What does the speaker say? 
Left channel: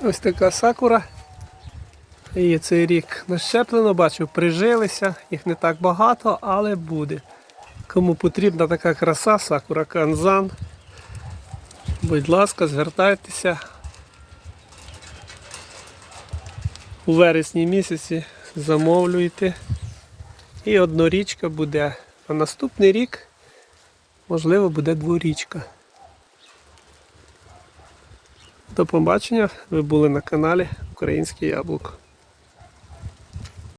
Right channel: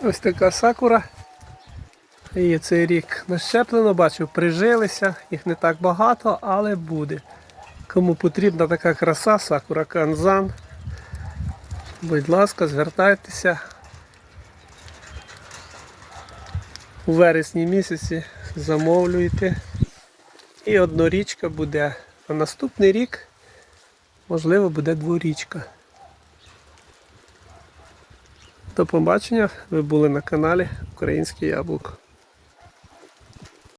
Ось така сакура. І цей рік нащеплено, бачу, прижилися, їх не так багато, але буде. Кому потрібна така краса, сакура канзан. Будь ласка, звертайтеся. У вересні місяці замовлюйте. І однорічка буде. А наступний рік, можливо, буде дворічка. До побачення. Ви були на каналі Українське Яблуко.